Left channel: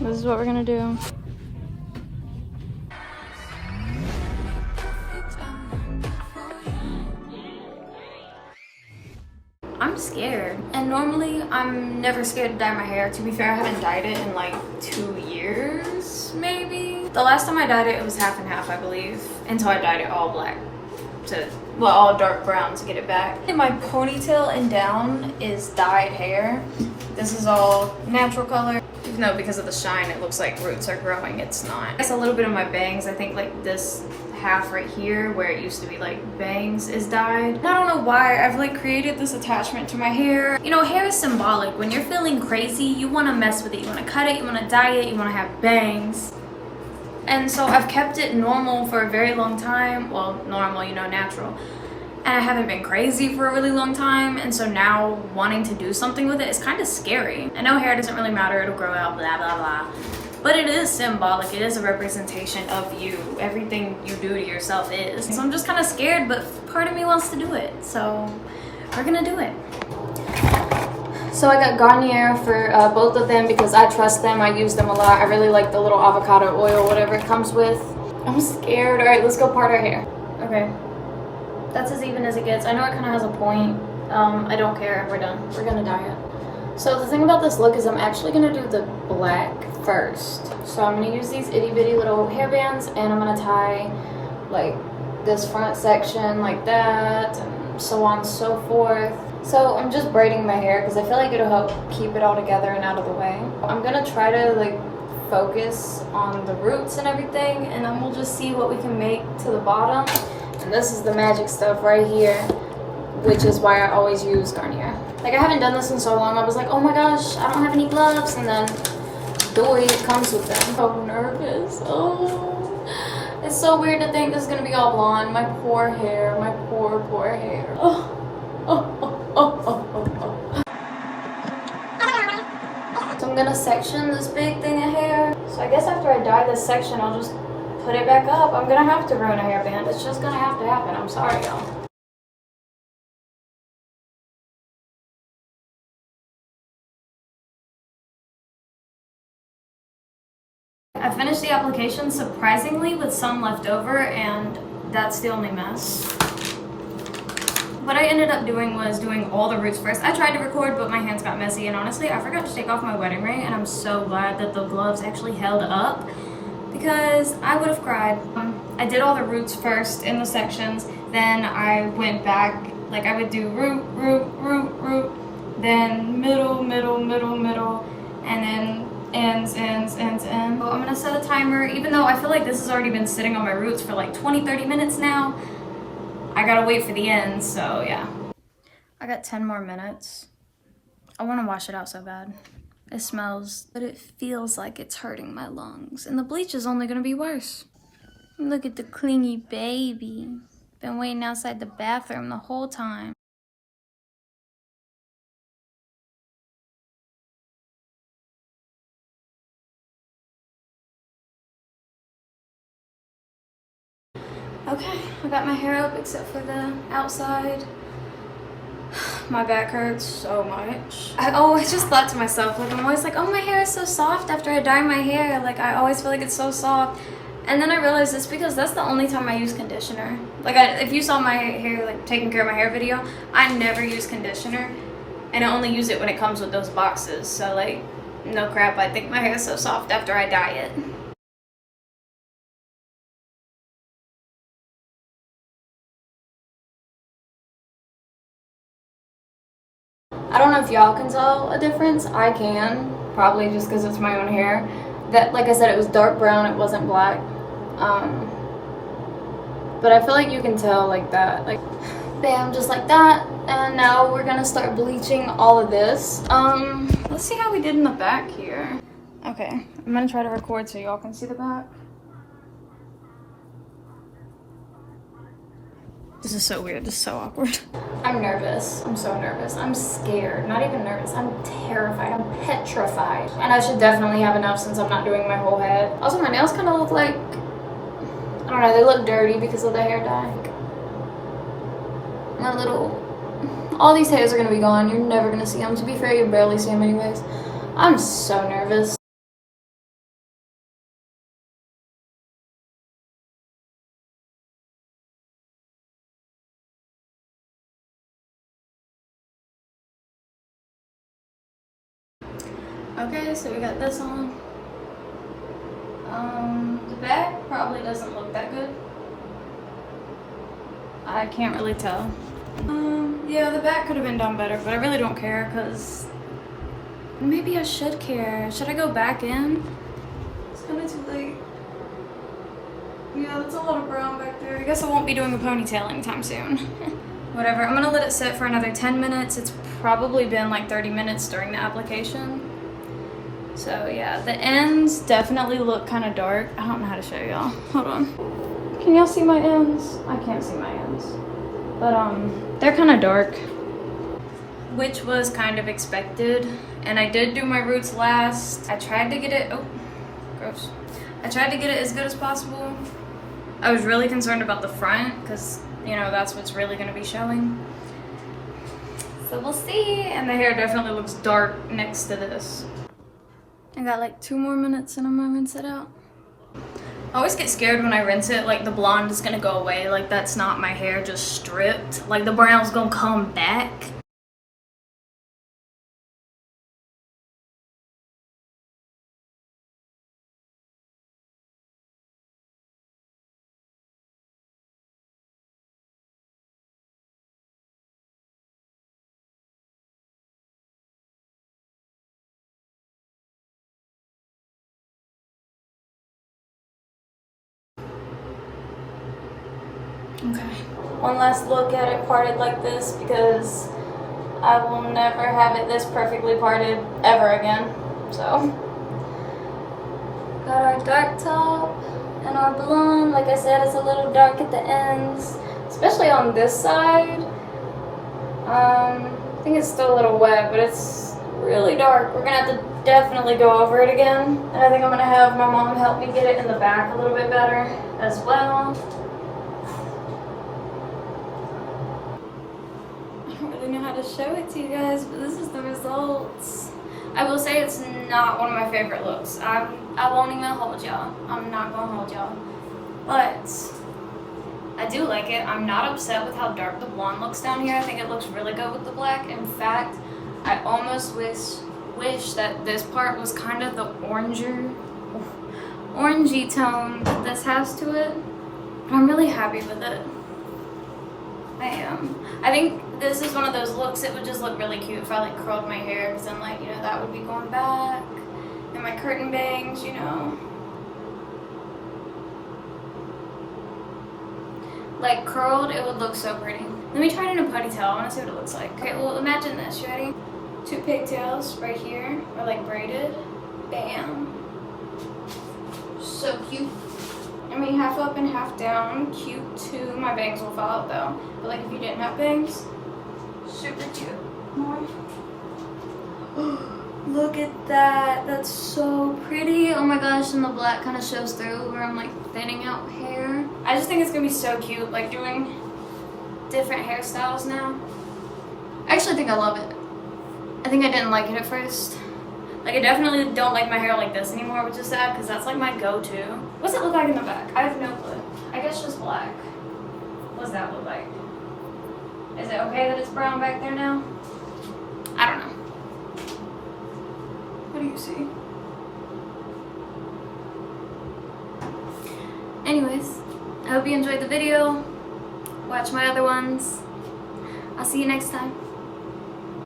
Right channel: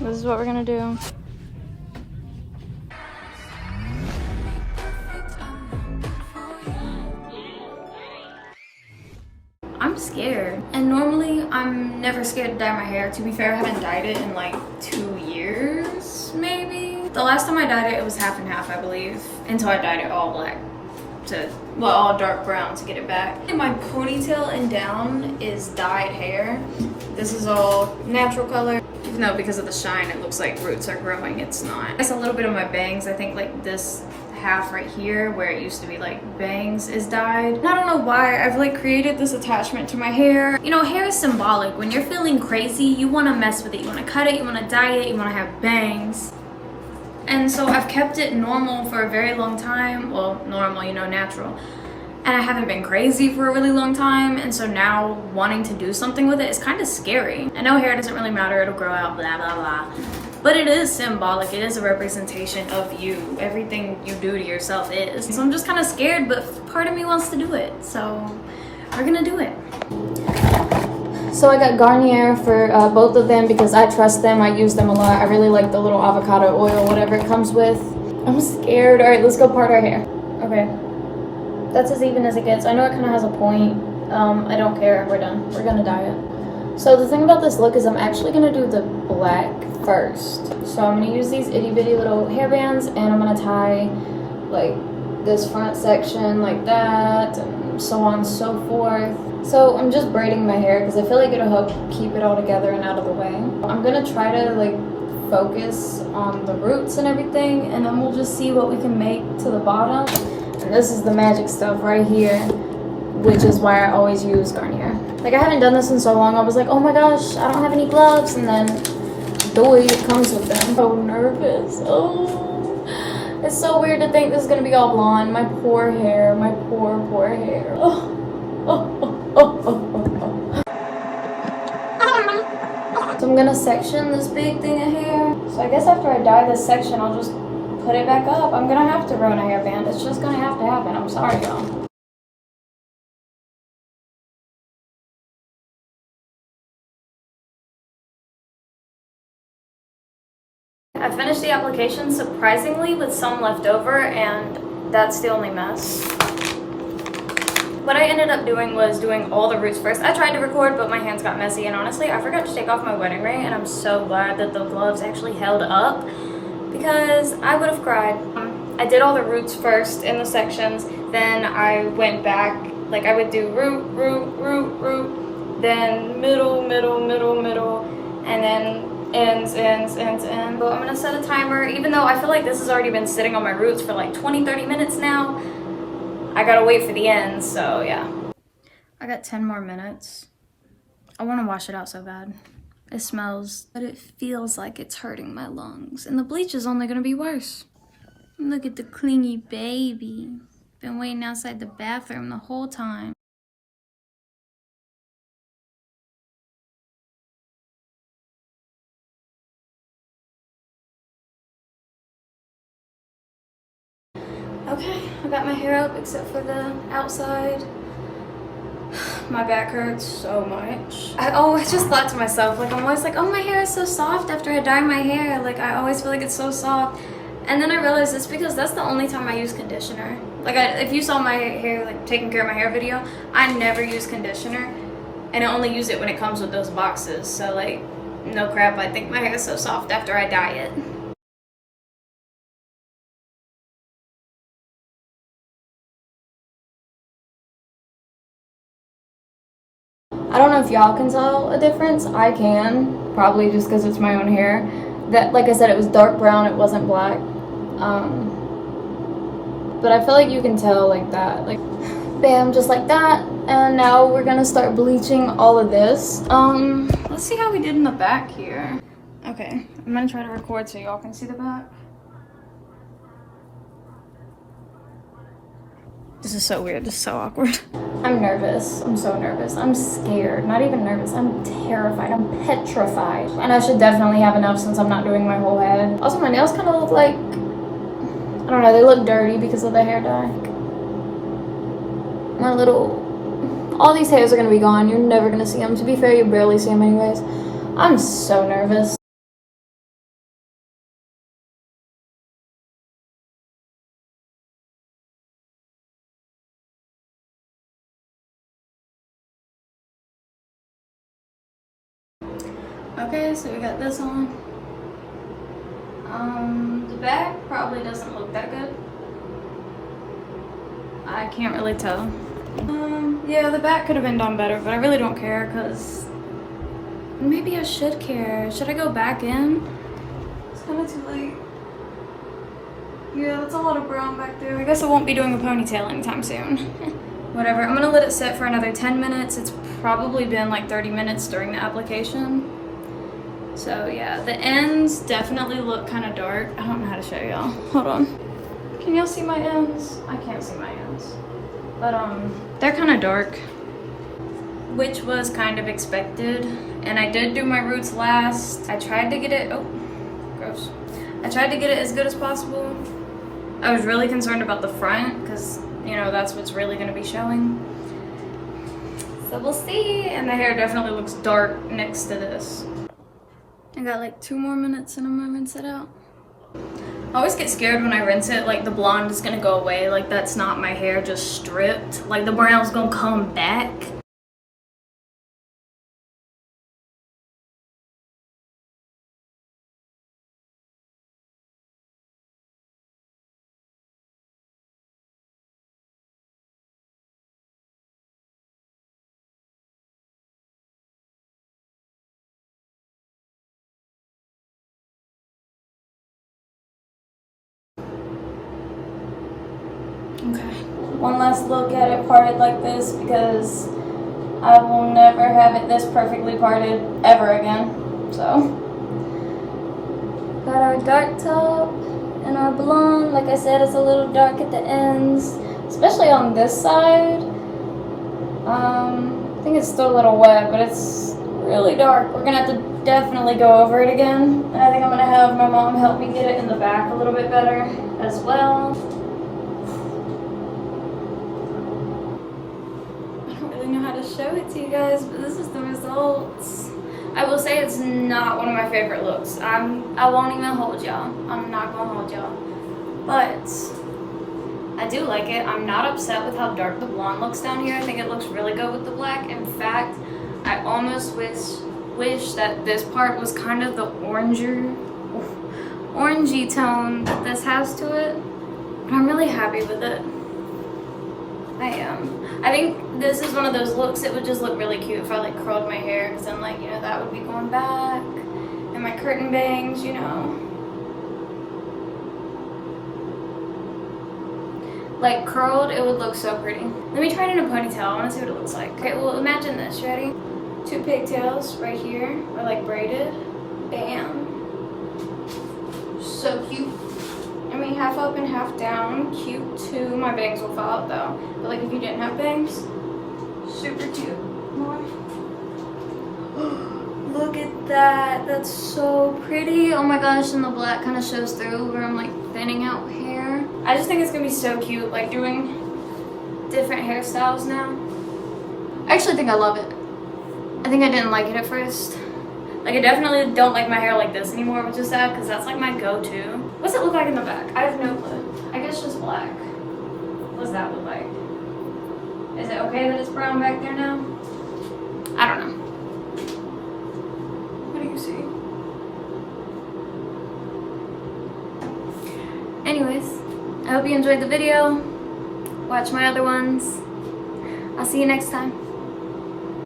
This is what we're gonna do. I'm scared, and normally I'm never scared to dye my hair. To be fair, I haven't dyed it in like 2 years, maybe. The last time I dyed it, it was half and half, I believe, until I dyed it all black to, well, all dark brown to get it back. And my ponytail and down is dyed hair. This is all natural color. Even though because of the shine, it looks like roots are growing, it's not. It's a little bit of my bangs. I think like this half right here where it used to be like bangs is dyed. And I don't know why I've like created this attachment to my hair. You know, hair is symbolic. When you're feeling crazy, you want to mess with it. You want to cut it, you want to dye it, you want to have bangs. And so I've kept it normal for a very long time. Well, normal, you know, natural. And I haven't been crazy for a really long time. And so now wanting to do something with it is kind of scary. I know hair doesn't really matter, it'll grow out, blah, blah, blah. But it is symbolic, it is a representation of you. Everything you do to yourself is. So I'm just kind of scared, but part of me wants to do it. So we're gonna do it. So I got Garnier for both of them because I trust them, I use them a lot. I really like the little avocado oil, whatever it comes with. I'm scared. All right, let's go part our hair. Okay, that's as even as it gets. I know it kind of has a point. I don't care, we're done. We're gonna dye it. So the thing about this look is I'm actually gonna do the black first. So I'm gonna use these itty bitty little hair bands and I'm gonna tie like this front section like that and so on and so forth. So I'm just braiding my hair because I feel like it'll help keep it all together and out of the way. I'm gonna try to like focus on the roots and everything, and then we'll just see what we can make to the bottom. And this is the magic stuff right here, which is why I always use Garnier. Like I haven't done this in so long, I was like, oh my gosh, I don't have any gloves, and then boy, it comes with them. So nervous. Oh, it's so weird to think this is gonna be all blonde. My poor hair, my poor hair. Oh. So I'm gonna section this big thing of hair. So I guess after I dye this section, I'll just put it back up. I'm gonna have to ruin a hairband. It's just gonna have to happen. I'm sorry, y'all. I finished the application surprisingly with some left over, and that's the only mess. What I ended up doing was doing all the roots first. I tried to record, but my hands got messy, and honestly, I forgot to take off my wedding ring, and I'm so glad that the gloves actually held up because I would have cried. I did all the roots first in the sections, then I went back, like I would do root, then middle, and then ends. So I'm gonna set a timer, even though I feel like this has already been sitting on my roots for like 20-30 minutes now. I gotta wait for the ends, so yeah. I got 10 more minutes. I wanna wash it out so bad. It smells, but it feels like it's hurting my lungs. And the bleach is only gonna be worse. Look at the clingy baby. Been waiting outside the bathroom the whole time. Okay, I got my hair up except for the outside. My back hurts so much. I just thought to myself, like I'm always like, oh, my hair is so soft after I dye my hair. Like I always feel like it's so soft. And then I realized it's because that's the only time I use conditioner. Like if you saw my hair, like taking care of my hair video, I never use conditioner. And I only use it when it comes with those boxes. So like, no crap, I think my hair is so soft after I dye it. I don't know if y'all can tell a difference. I can, probably just because it's my own hair. That, like I said, it was dark brown, it wasn't black. But I feel like you can tell like that, like bam, just like that. And now we're gonna start bleaching all of this. Let's see how we did in the back here. Okay, I'm gonna try to record so y'all can see the back. This is so weird, this is so awkward. I'm nervous, I'm so nervous. I'm scared, not even nervous, I'm terrified, I'm petrified. And I should definitely have enough since I'm not doing my whole head. Also, my nails kind of look like, I don't know, they look dirty because of the hair dye. My little, all these hairs are gonna be gone. You're never gonna see them. To be fair, you barely see them anyways. I'm so nervous. Okay, so we got this on. The back probably doesn't look that good. I can't really tell. Yeah, the back could have been done better, but I really don't care because maybe I should care. Should I go back in? It's kind of too late. Yeah, that's a lot of brown back there. I guess I won't be doing a ponytail anytime soon. Whatever, I'm gonna let it sit for another 10 minutes. It's probably been like 30 minutes during the application. So yeah, the ends definitely look kind of dark. I don't know how to show y'all. Hold on. Can y'all see my ends? I can't see my ends. But they're kind of dark, which was kind of expected. And I did do my roots last. I tried to get it, oh, gross. I tried to get it as good as possible. I was really concerned about the front because, you know, that's what's really gonna be showing. So we'll see. And the hair definitely looks dark next to this. I got like 2 more minutes and I'm gonna rinse it out. I always get scared when I rinse it, like the blonde is gonna go away. Like that's not my hair just stripped. Like the brown's gonna come back. Okay, one last look at it parted like this because I will never have it this perfectly parted ever again. So, got our dark top and our blonde. Like I said, it's a little dark at the ends, especially on this side. I think it's still a little wet, but it's really dark. We're gonna have to definitely go over it again. And I think I'm gonna have my mom help me get it in the back a little bit better as well. Know how to show it to you guys, but this is the results. I will say it's not one of my favorite looks. I won't even hold y'all. I'm not gonna hold y'all, but I do like it. I'm not upset with how dark the blonde looks down here. I think it looks really good with the black. In fact, I almost wish that this part was kind of the orangey tone that this has to it, but I'm really happy with it. I am. I think this is one of those looks that would just look really cute if I like curled my hair, because then like, you know, that would be going back, and my curtain bangs, you know. Like curled, it would look so pretty. Let me try it in a ponytail. I want to see what it looks like. Okay, well imagine this. You ready? 2 pigtails right here, or like braided. Bam. So cute. I mean, half up and half down, cute too. My bangs will fall out though. But like if you didn't have bangs, super cute. More. Look at that, that's so pretty. Oh my gosh, and the black kind of shows through where I'm like thinning out hair. I just think it's gonna be so cute, like doing different hairstyles now. I actually think I love it. I think I didn't like it at first. Like I definitely don't like my hair like this anymore, which is sad because that's like my go-to. What's it look like in the back? I have no clue. I guess just black. What does that look like? Is it okay that it's brown back there now? I don't know. What do you see? Anyways, I hope you enjoyed the video. Watch my other ones. I'll see you next time.